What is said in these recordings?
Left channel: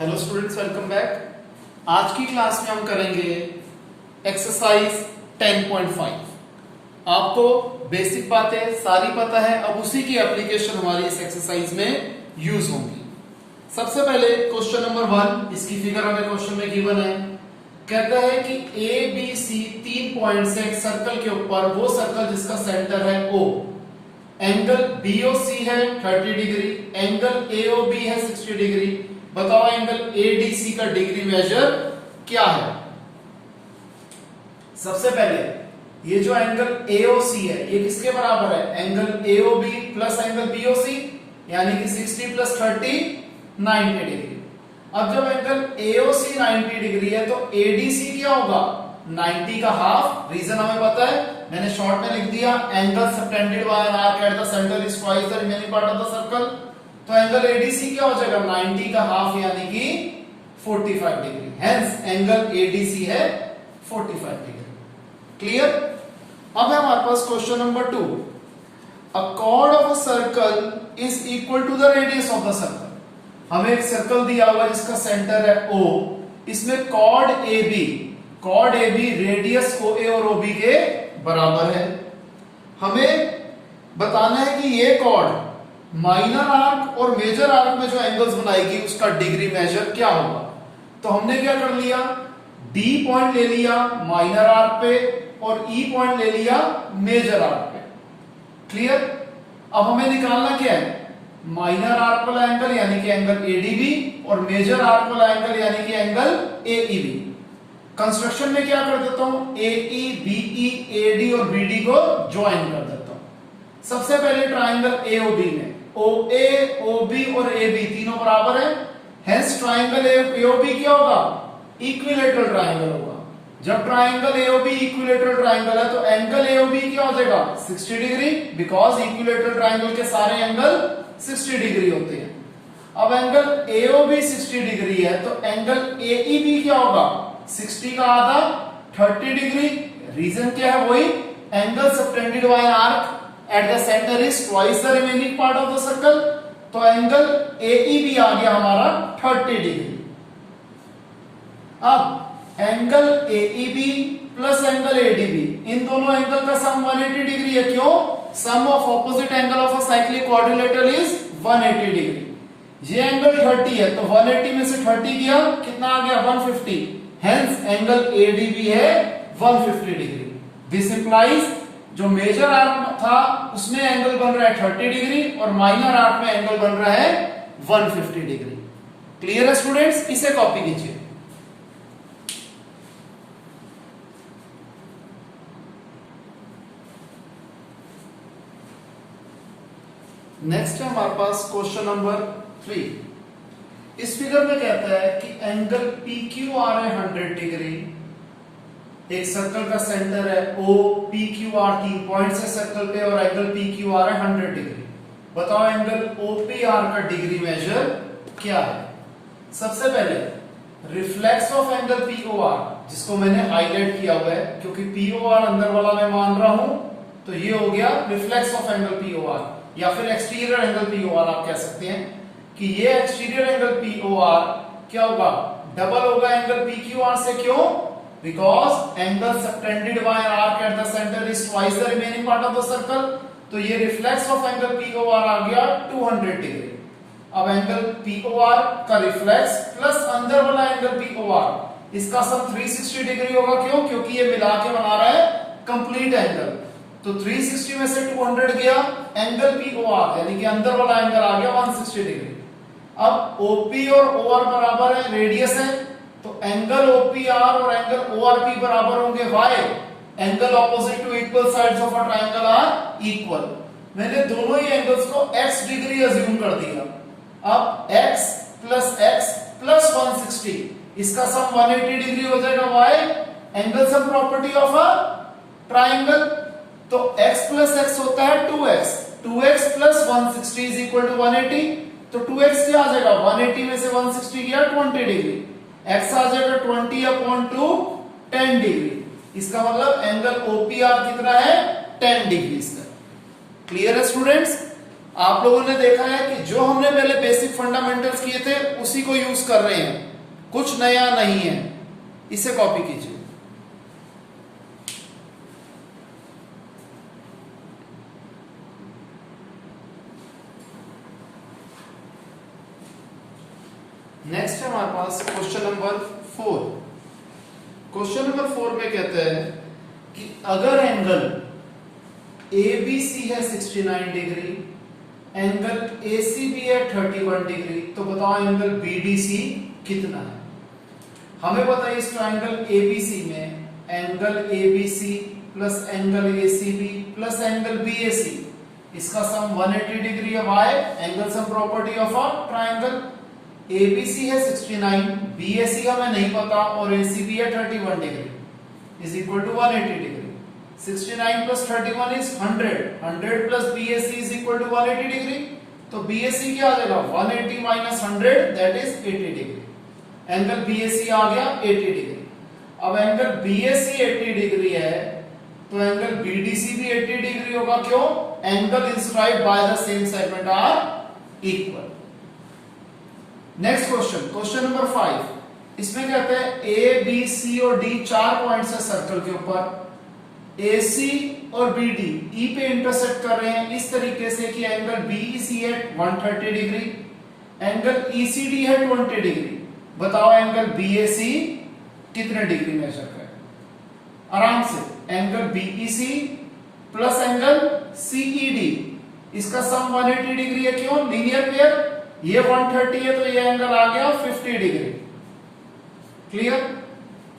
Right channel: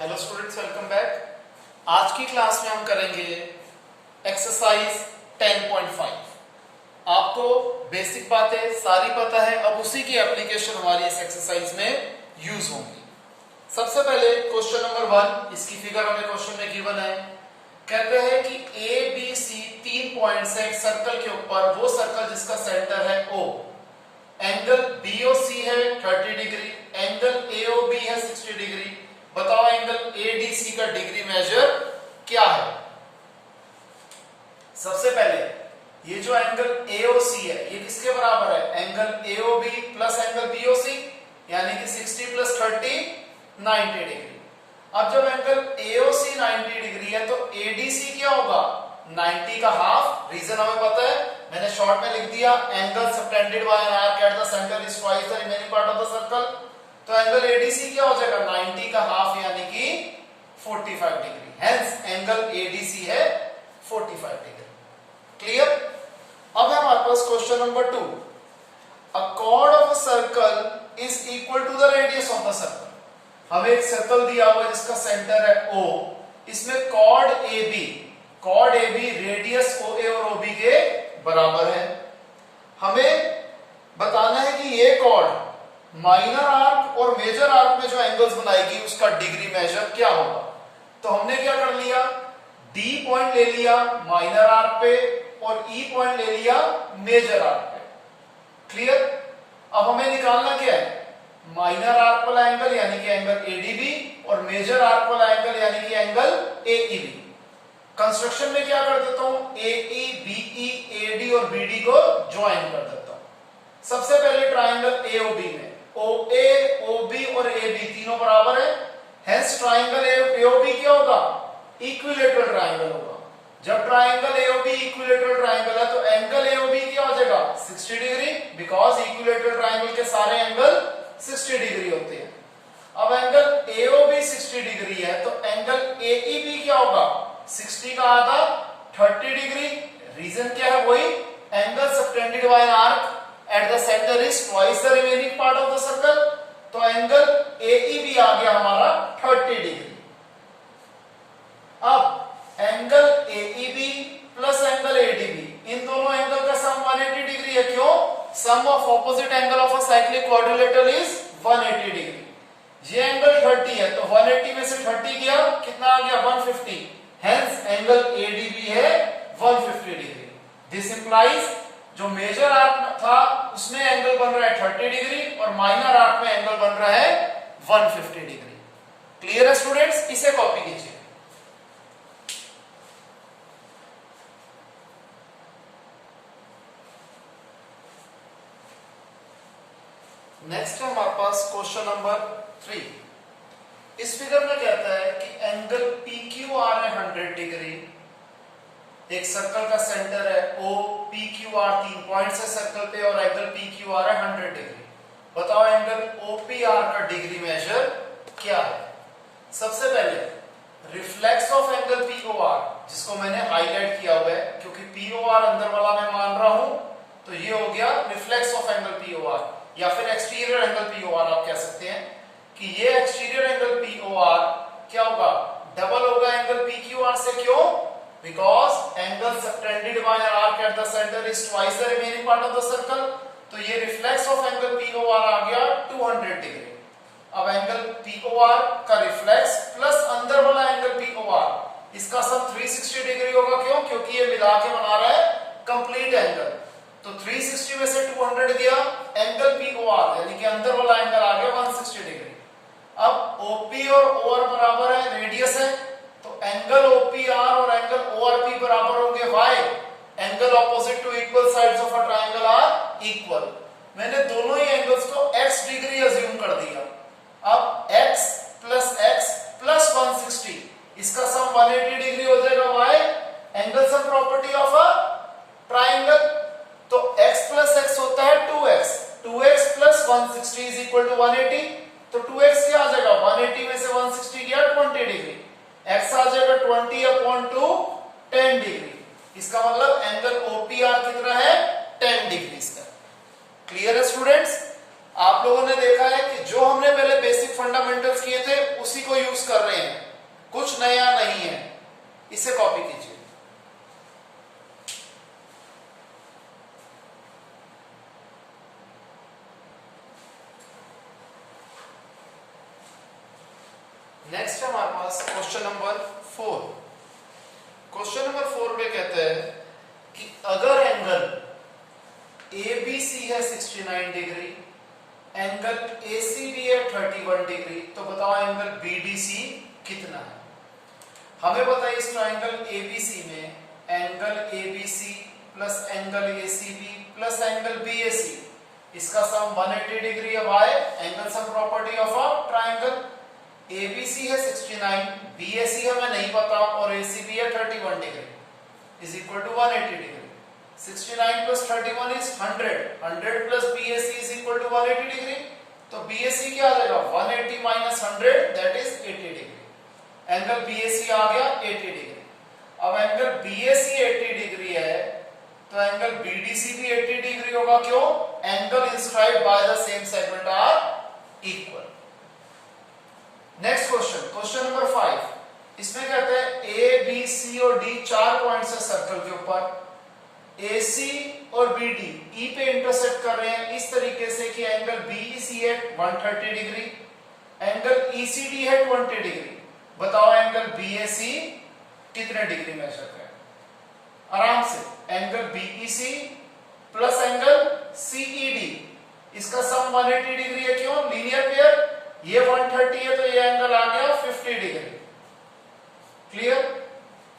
Hello students, welcome back. आज की class में हम करेंगे एक्सरसाइज 10.5। आपको बेसिक बातें सारी पता है, अब उसी की एप्लीकेशन हमारी इस एक्सरसाइज में यूज होंगी। सबसे पहले क्वेश्चन नंबर 1, इसकी फिगर हमें क्वेश्चन में गिवन है। कहता है कि ए बी सी 3 पॉइंट से एक सर्कल के ऊपर, वो सर्कल जिसका सेंटर है O, एंगल BOC है 30 डिग्री, एंगल AOB है 60 डिग्री। बताओ एंगल ADC का डिग्री मेजर क्या है। सबसे पहले ये जो एंगल AOC है ये किसके बराबर है? Angle AOB plus angle BOC, यानी कि 60 प्लस 30 90 डिग्री। अब जब एंगल AOC 90 डिग्री है तो ADC क्या होगा? 90 का हाफ। रीजन हमें पता है, मैंने शॉर्ट में लिख दिया, angle subtended by an arc at the centre is twice the remaining part of the circle. तो एंगल ADC क्या हो जाएगा? 90 का हाफ यानी कि 45 डिग्री। हेंस एंगल ADC है 45 डिग्री। क्लियर? अब है हमारे पास question number 2। A chord of a circle is equal to the radius of the circle. हमें एक सर्कल दिया हुआ है जिसका सेंटर है O, इसमें कॉर्ड AB रेडियस OA और OB के बराबर है। हमें बताना है कि ये कॉर्ड माइनर आर्क और मेजर आर्क में जो एंगल्स बनाएगी उसका डिग्री मेजर क्या होगा। तो हमने क्या कर लिया, D पॉइंट ले लिया माइनर आर्क पे और E पॉइंट ले लिया मेजर आर्क पे। क्लियर? अब हमें निकालना क्या है? माइनर आर्क वाला एंगल यानी कि एंगल ADB और मेजर आर्क वाला एंगल यानी कि एंगल AEB। कंस्ट्रक्शन में क्या कर देता हूं, AE, BE, AD और BD को ज्वाइन कर देता हूं। सबसे पहले ट्राइंगल AOB में OA, OB और AB तीनों बराबर है। हेंस ट्राइंगल AOB क्या होगा? इक्विलेटरल ट्राइंगल होगा। जब ट्राइंगल AOB इक्विलेटरल ट्राइंगल है तो एंगल AOB क्या हो जाएगा? 60 डिग्री, बिकॉज इक्विलेटरल ट्राइंगल के सारे एंगल 60 डिग्री होते हैं। अब एंगल AOB 60 डिग्री है तो एंगल AEB क्या होगा? 60 का आधा 30 डिग्री। रीजन क्या है? वही angle subtended by an arc at the centre is twice the remaining part of the circle. तो एंगल AEB आ गया हमारा 30 डिग्री। अब angle AEB plus angle ADB, इन दोनों एंगल का सम 180 डिग्री है। क्यों? Sum of opposite angle of a cyclic quadrilateral is 180 degree. ये एंगल 30 है तो 180 में से 30 गया, कितना आ गया? 150। हेंस एंगल ADB है 150 डिग्री। दिस इंप्लाइज जो मेजर आर्क था उसमें एंगल बन रहा है 30 डिग्री और माइनर आर्क में एंगल बन रहा है 150 डिग्री। क्लियर है स्टूडेंट्स? इसे कॉपी कीजिए। नेक्स्ट है हमारे पास क्वेश्चन नंबर 3। इस फिगर में कहता है कि एंगल PQR है 100 डिग्री। एक सर्कल का सेंटर है O, PQR 3 पॉइंट से सर्कल पे और एंगल PQR है 100 डिग्री। बताओ एंगल OPR का डिग्री मेजर क्या है। सबसे पहले रिफ्लेक्स ऑफ एंगल POR, जिसको मैंने हाईलाइट किया हुआ है क्योंकि POR अंदर वाला मैं मान रहा हूं, तो ये हो गया रिफ्लेक्स ऑफ एंगल POR या फिर एक्सटीरियर एंगल POR। आप कह सकते हैं कि ये एक्सटीरियर एंगल POR क्या होगा? डबल होगा एंगल PQR से। क्यों? Because angle subtended by an arc at the centre is twice the remaining part of the circle. तो ये रिफ्लेक्स ऑफ एंगल POR आ गया 200 डिग्री। अब एंगल POR का रिफ्लेक्स प्लस अंदर वाला एंगल POR, इसका सम 360 डिग्री होगा। क्यों? क्योंकि ये मिला के बना रहा है कंप्लीट एंगल। तो 360 में से 200 गया, एंगल POR यानी कि अंदर वाला एंगल आ गया 160 डिग्री। अब OP और OR बराबर है, रेडियस है, तो एंगल OPR और एंगल ORP बराबर होंगे। Why? Angle opposite to equal sides of a triangle are equal. मैंने दोनों ही एंगल्स को x डिग्री अज्यूम कर दिया। अब x प्लस 160, इसका सम 180 डिग्री हो जाएगा। Why? Angle sum property of a triangle. तो x प्लस x होता है 2x। 2x plus 160 is equal to 180। तो 2x क्या आ जाएगा? 180 में से 160 गया 20 डिग्री। x आ जाएगा 20/2 10 डिग्री। इसका मतलब एंगल OPR कितना है? 10 डिग्री। इसका क्लियर है स्टूडेंट्स? आप लोगों ने देखा है कि जो हमने पहले बेसिक फंडामेंटल्स किए थे उसी को यूज कर रहे हैं, कुछ नया नहीं है। इसे कॉपी कीजिए। नेक्स्ट है हमारे पास क्वेश्चन नंबर 4। क्वेश्चन नंबर 4 में कहते हैं कि अगर एंगल ABC है 69 डिग्री, एंगल ACB है 31 डिग्री, तो बताओ एंगल BDC कितना है। हमें पता है इस ट्रायंगल ABC में angle ABC plus angle ACB plus angle BAC, इसका सम 180 डिग्री है। Why? Angle sum property of a triangle. ABC है 69, BAC हमें नहीं पता और ACB है 31 degree is equal to 180 degree. 69 plus 31 is 100, 100 plus BAC is equal to 180 degree. तो BAC क्या आ जाएगा? 180 minus 100 that is 80 degree. Angle BAC आ गया 80 डिग्री। अब एंगल BAC 80 डिग्री है तो एंगल BDC भी 80 डिग्री होगा। क्यों? Angle inscribed by the same segment are equal. Next question, question number 5। इसमें कहते हैं A, B, C और D 4 पॉइंट्स है सर्कल के ऊपर। AC और BD E पे इंटरसेक्ट कर रहे हैं इस तरीके से कि एंगल BEC है 130 डिग्री, एंगल ECD है 20 डिग्री। बताओ एंगल BAC कितने डिग्री मेजर करे? आराम से angle BEC plus angle CED, इसका सम 180 डिग्री है। क्यों? Linear pair. ये 130 है तो ये एंगल आ गया 50 डिग्री। क्लियर?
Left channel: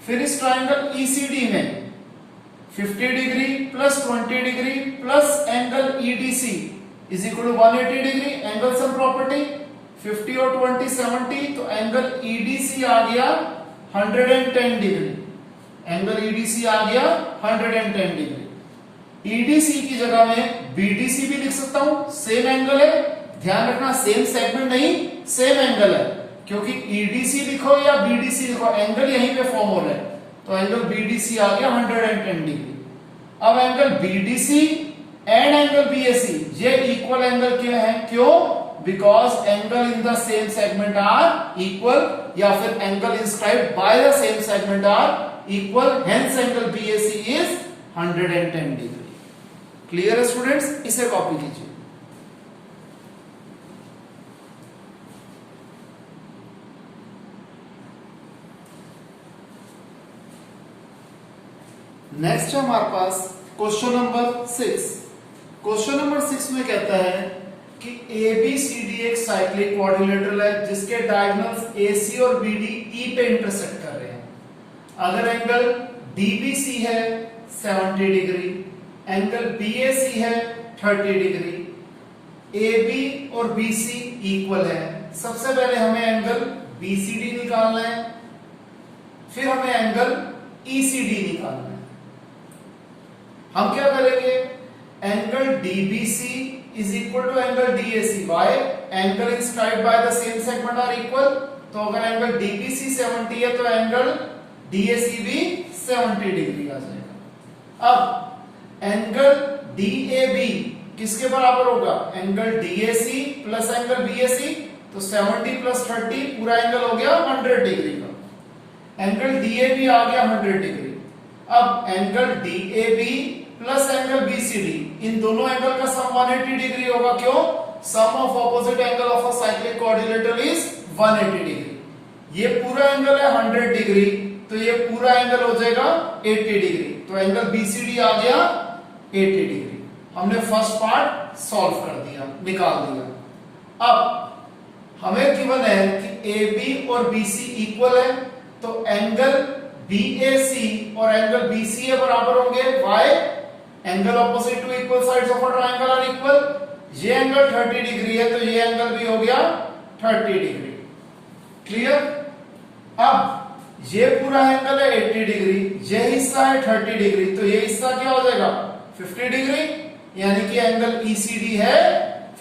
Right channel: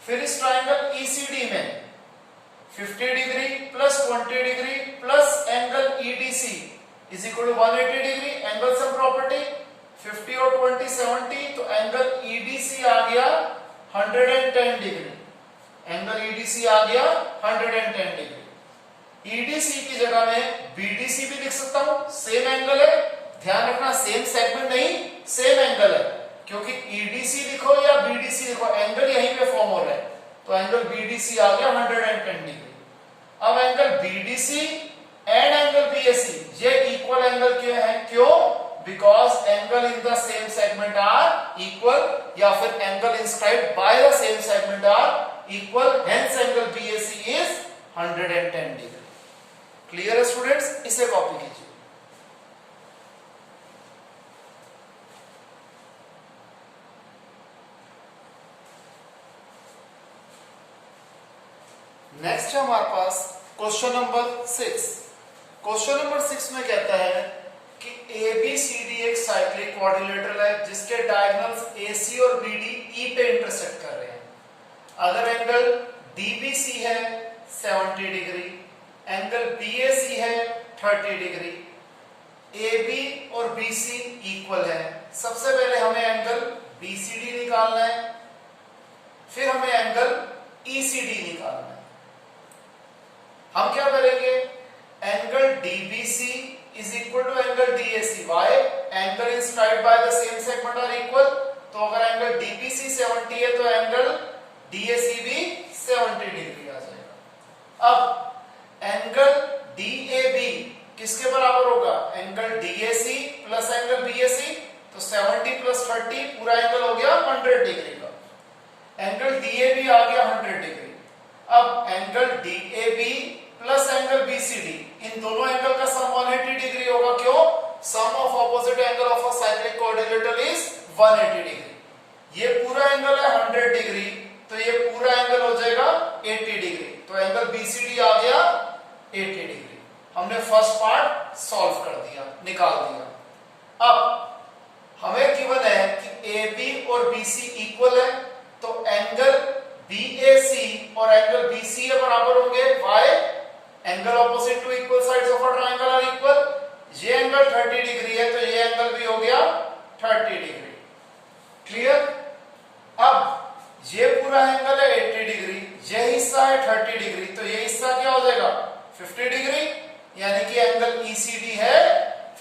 फिर इस ट्रायंगल ECD में 50 degree plus 20 degree plus angle EDC is equal to 180 degree. Angle sum property 50 और 20 70, तो एंगल EDC आ गया 110 डिग्री। एंगल EDC आ गया 110 डिग्री। EDC की जगह में BDC भी लिख सकता हूं, सेम एंगल है। ध्यान रखना सेम सेगमेंट नहीं, सेम एंगल है, क्योंकि EDC लिखो या BDC लिखो एंगल यहीं पे फॉर्म हो रहा है। तो एंगल BDC आ गया 110 डिग्री। अब angle BDC and angle BAC ये इक्वल एंगल क्यों है? क्यों? Because angle in the same segment are equal, या फिर angle inscribed by the same segment are equal, hence angle BAC is 110 degree. Clear है students? इसे copy कीजिए। Next है हमारे पास क्वेश्चन नंबर 6। क्वेश्चन नंबर 6 में कहता है कि ABCD एक साइक्लिक क्वाड्रिलेटरल है जिसके डायगोनल्स AC और BD E पे इंटरसेक्ट कर रहे हैं। अगर एंगल DBC है 70 डिग्री, एंगल BAC है 30 डिग्री, AB और BC इक्वल है। सबसे पहले हमें एंगल BCD निकालना है, फिर हमें एंगल ECD निकालना है। हम क्या करेंगे? Angle DBC is equal to angle DAC। Why? Angle inscribed by the same segment are equal. तो अगर एंगल DBC 70 है तो एंगल DAC भी 70 डिग्री आ जाएगा। अब एंगल DAB किसके बराबर होगा? Angle DAC plus angle BAC, तो 70 प्लस 30 पूरा एंगल हो गया 100 डिग्री का। एंगल DAB आ गया 100 डिग्री। अब angle DAB plus angle BCD, इन दोनों एंगल का सम 180 डिग्री होगा। क्यों? Sum of opposite angle of a cyclic quadrilateral is 180 degree. ये पूरा एंगल है 100 डिग्री, तो ये पूरा एंगल हो जाएगा 80 डिग्री। तो एंगल BCD आ गया 80 डिग्री। हमने फर्स्ट पार्ट सॉल्व कर दिया, निकाल दिया। अब हमें गिवन है कि AB और BC इक्वल है, तो एंगल BAC और एंगल BCA बराबर होंगे। Why? Angle opposite to equal sides of a triangle are equal. ये एंगल 30 डिग्री है तो ये एंगल भी हो गया 30 डिग्री। क्लियर? अब ये पूरा एंगल है 80 डिग्री, ये हिस्सा है 30 डिग्री, तो ये हिस्सा क्या हो जाएगा? 50 डिग्री, यानी कि एंगल ECD है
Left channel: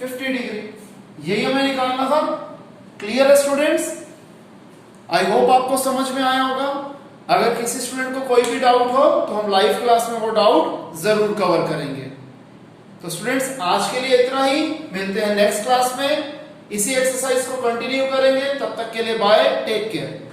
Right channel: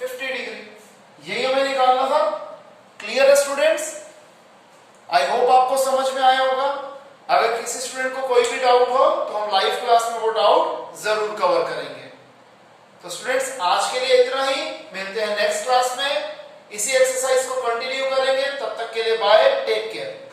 50 डिग्री। यही हमें निकालना था। क्लियर है स्टूडेंट्स? आई होप आपको समझ में आया होगा। अगर किसी स्टूडेंट को कोई भी डाउट हो तो हम लाइव क्लास में वो डाउट जरूर कवर करेंगे। तो स्टूडेंट्स आज के लिए इतना ही, मिलते हैं नेक्स्ट क्लास में, इसी एक्सरसाइज को कंटिन्यू करेंगे। तब तक के लिए बाय, टेक केयर।